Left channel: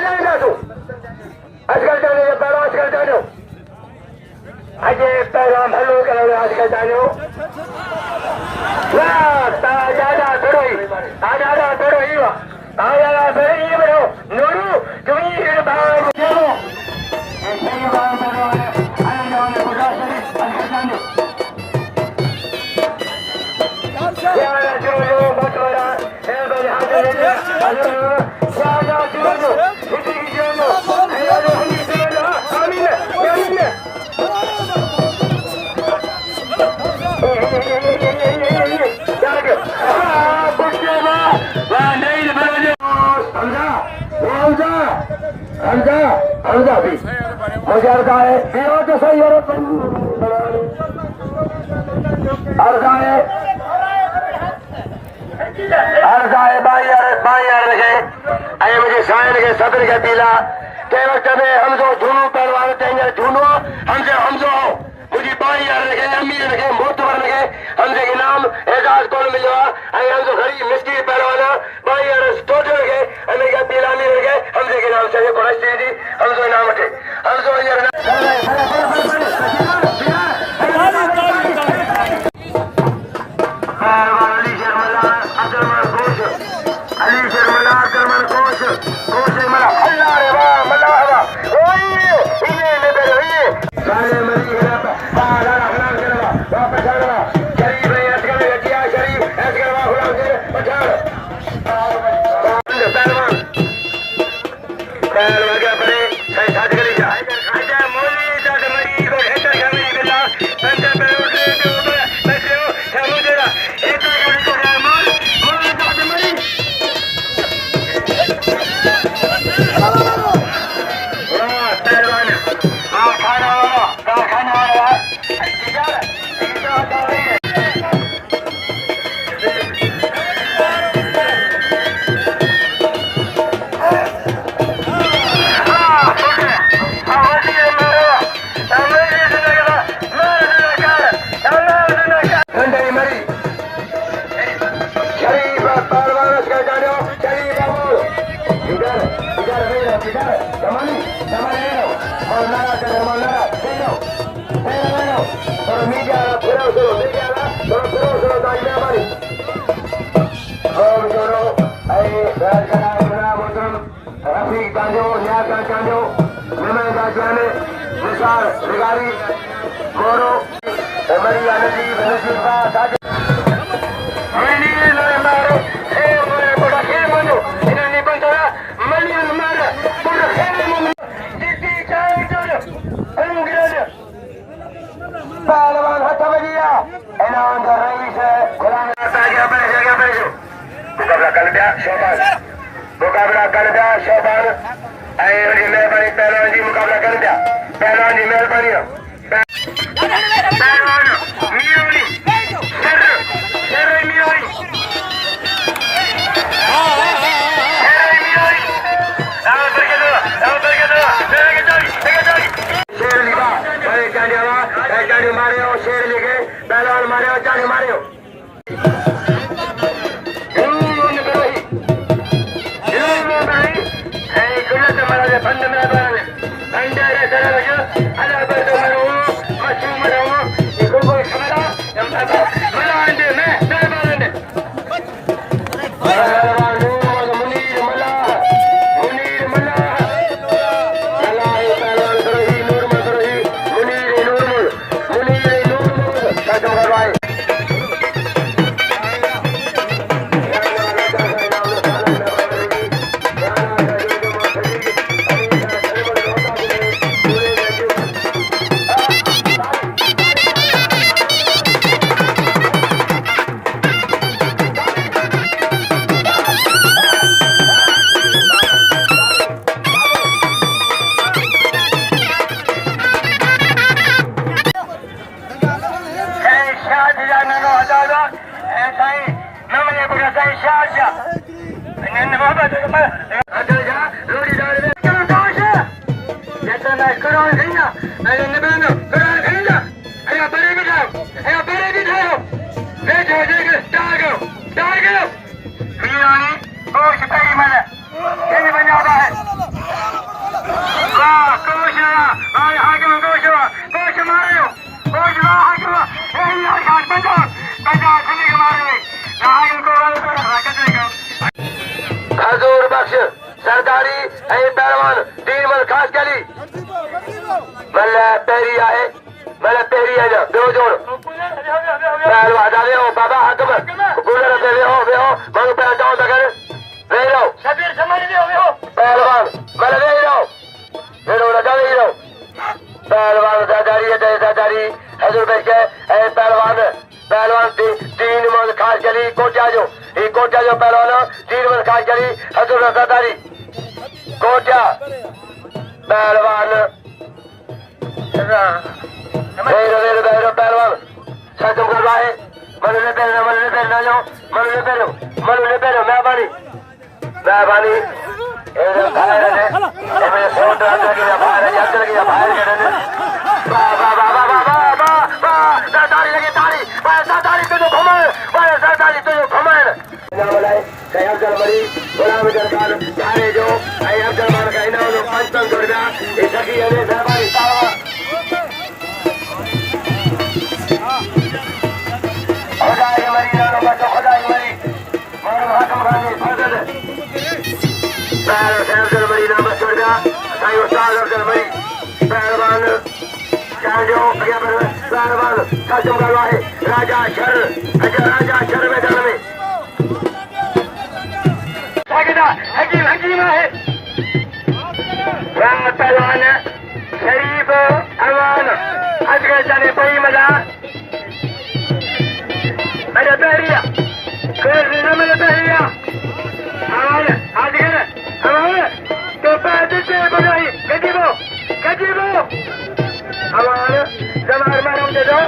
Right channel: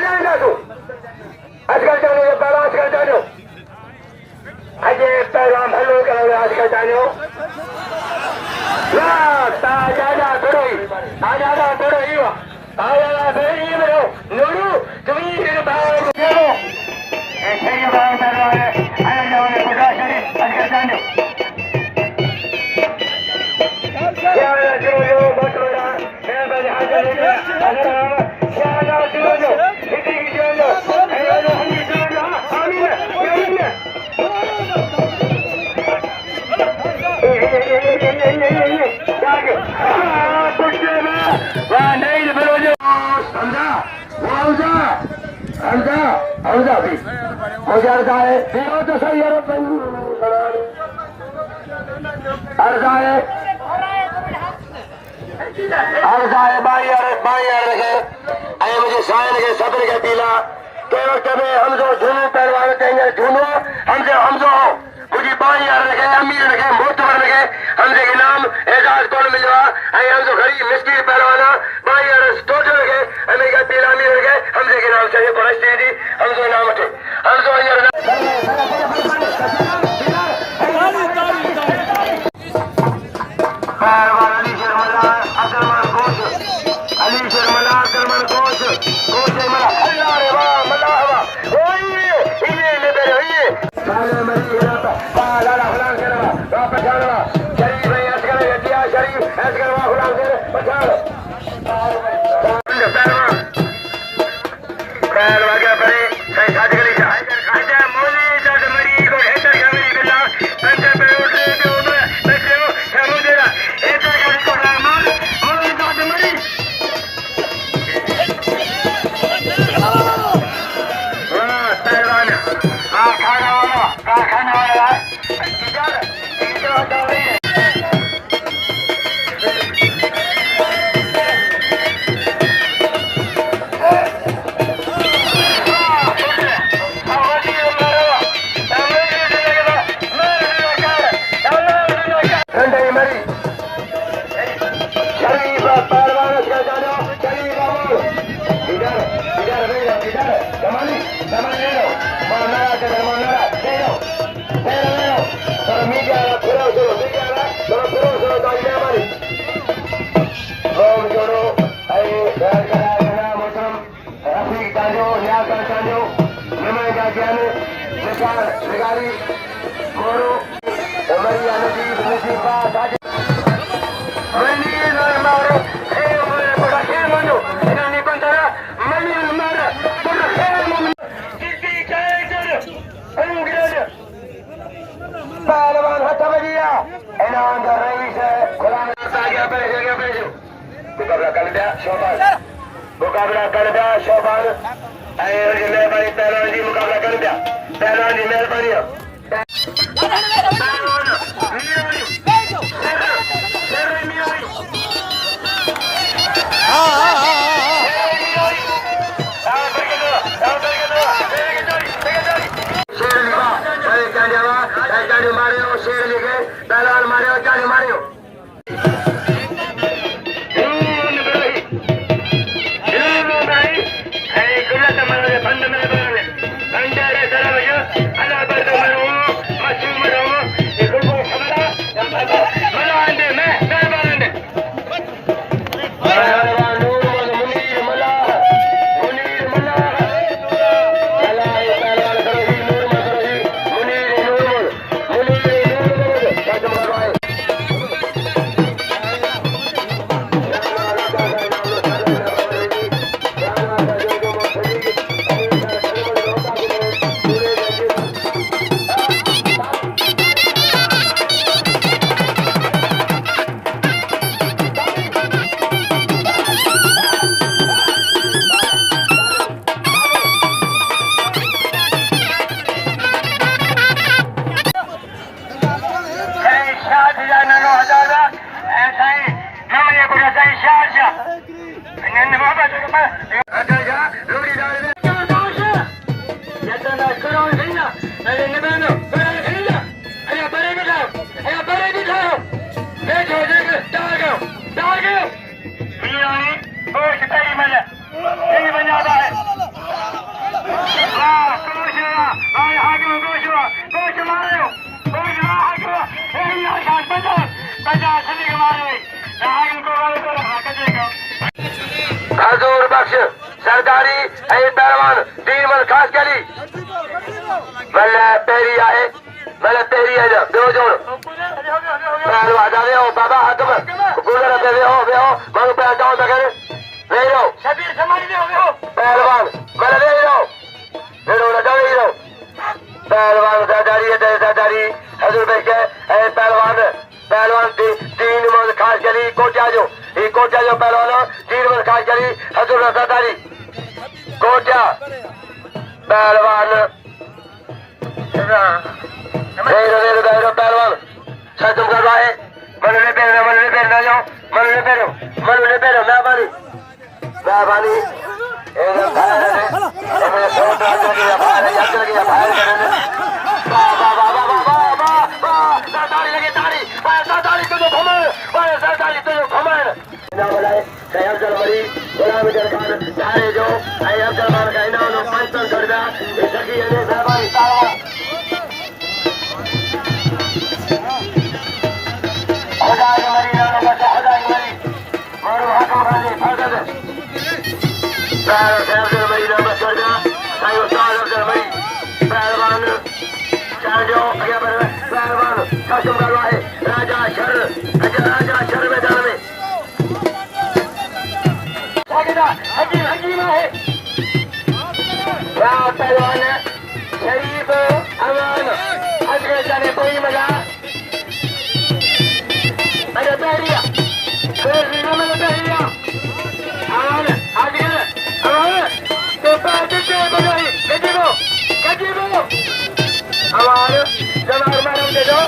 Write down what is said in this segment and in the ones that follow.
हलांदा तू आजकल जाने के पहला आजकल जानो अजय पैराम हलो करो आजकल जानो वाह ताजा थोड़ी वा ताजा थोड़ी बरो नूरू तुम्ही हे बाग हो ऐसे ही बाग कर रहा है आए जाओ ने बुझा करे आजकल जानो यार जो बहुत बड़ा है बड़े हाजिर है अगर सारा जो इतनी जो आयो हम ये सुनो आमीन हमजा भी मुझे है पियो तो सही है अर्जाए बाई रखे अरे मुझे समय लगे सदर के दिला के वक्त में हम जो धुनू पहलवान तेंगे धुनो हमसे हम जो मुझे बाई रखे अमीर रखे मोतबर रखे हमसे इनाम एजाज कौन मिलो अरे हम जो गरीब मिस्त्री पहलवान बाई टोटल रखे हमें का दिला अमीर रखे हमसे इनाम चाहिए पहुंचती थी हम जो नाम रखे हम जो मुकाबला कर दिया शोभान मेहरबानी पहलवान जी मुकाबला कर दिया पहलवान जी मेहरबानी मारे शेर लेके पहलवान मारे जाने मारे बंद में बंदरे दरवाजा अला बर्द मरो मशू मरो देखो को खबरा मला आंदे मैं बारे गोश्त तली मजा ये बन जाता है वाह कोश भाई हाकिम कोश मारे कोश हाकिम यार खान बंदा सभी के मारे हाकिम को वाले को रखा कचरे का हजूर बख्श सरदारी है पहलवान तीन मन खास करी मल्ले पेरी आहे मल्ले पेरी है जा दो जोड़ पहलवान आ रहे हो बाबा हाकिम गुलर दे रहे हो मनु पैर डाउन कर ले लो शबीर समाज दे हो पहलवान मल्ले ले लो लगा ले लो पहलवान सरदारी हजूर बख्श है पहलवान तीन मन खास करी कोटा जो पहलवान तीन मन खास करी हजूर सरदारी कोटा पहलवान पहलवान खत्म कर रहा है मनुले पैरो मेहरबानी खत्म कर रहा है राजा शर मैदान में हकीम है पहलवान शरीफ अमान अजगर जाने पई मजा मेरे बहरिया मेरे बहरिया अमान अजगर अमान तो पैदल से बजाई कजीबो अमान जवार मारम दे दो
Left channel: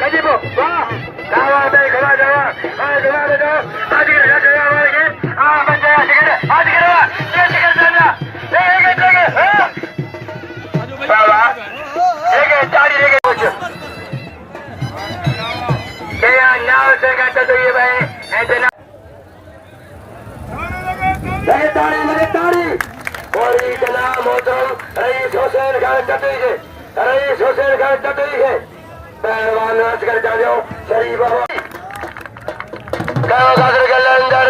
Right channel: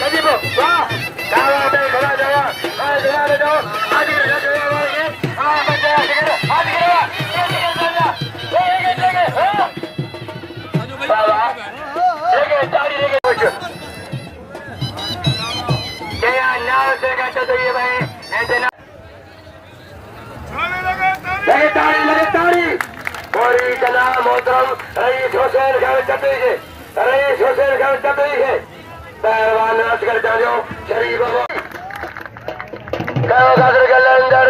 कजीबो वाह दावा दे खड़ा जावा जवार दे दो अजगर मार के बच्चे अजगर चला बाबा ताड़ी लेके कुछ क्या नाव से कहते तो ये भाई ऐसे ना लगे ताड़ी और इतना मोहतरम रईस हुसैन खान चतुरी है पहलवान नाच कर जाओ शरीफ के लंगर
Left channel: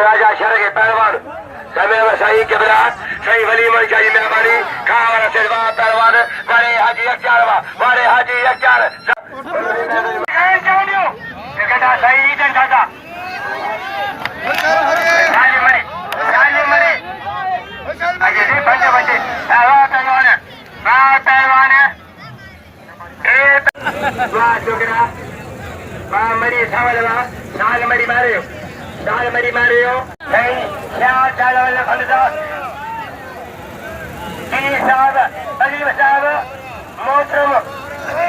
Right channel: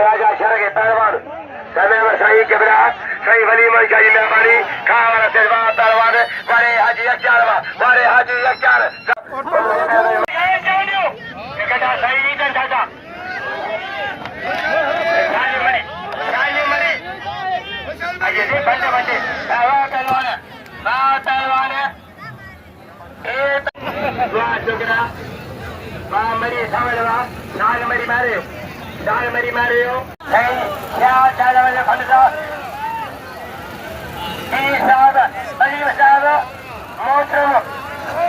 राजा शर के पहलवान सही कबरा सही वली मन शाही मेहरबानी खामरा सेवा पहलवान बड़े हाजी अख्तियार सही जनता मरी अजय बंटे पहलवान मरी साल मरी मारे हो अलीम साहब मोहतरम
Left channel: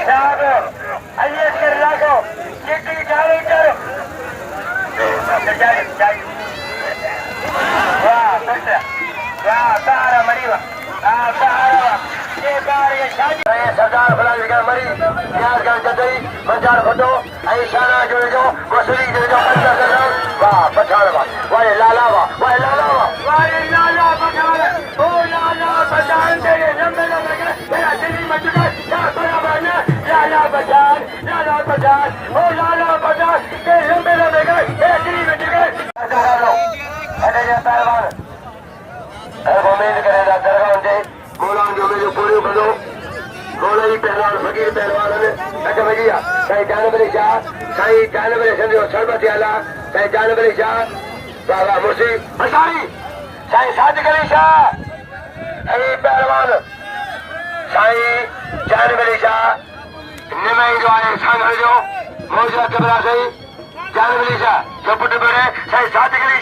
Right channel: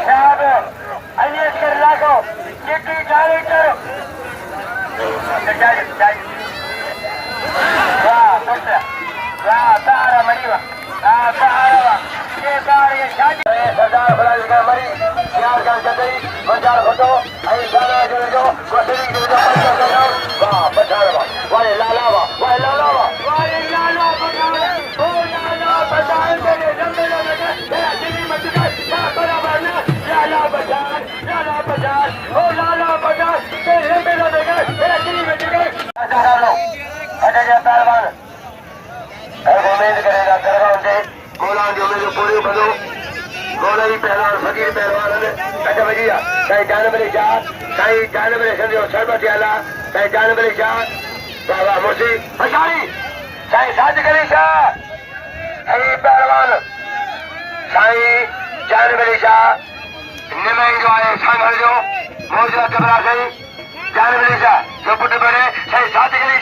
साहब अलीस कर लागो चिट्ठी जारी करो वाह तारा मरी सरदार फलाल का मरी यार का कतई मंजार फोटो आई सारा जोड़ जो कोसरी जोड़ जो पंचा करो वाह पठान वाह लाला पठान ओ लाला पठान तेरे जम्मे लगे मेरा दिल्ली में चुका क्या बराबर ने लाला पठान ओ लाला पठान तेरे जम्मे लगे मेरा दिल्ली में चुका अच्छा लो ऐसे जो पहलवान और उम्मीद करेगा करवाऊं जे बोला जो मेरे पूरे बनो बोला ही पहलवान फकीर पहलवान ने अच्छा भैया कहीं जानवरी शाह कहीं जानवरी संजो सरबत आला कहीं जानवरी शाह बाबा मुर्शी हजारी कहीं साज गली शाह कहीं पहलवान कहीं जानवरी शाह निमई जो आए संघ जो मौजूदा कबरा सही जानवरी शाह जो पुट बड़े सही साज गली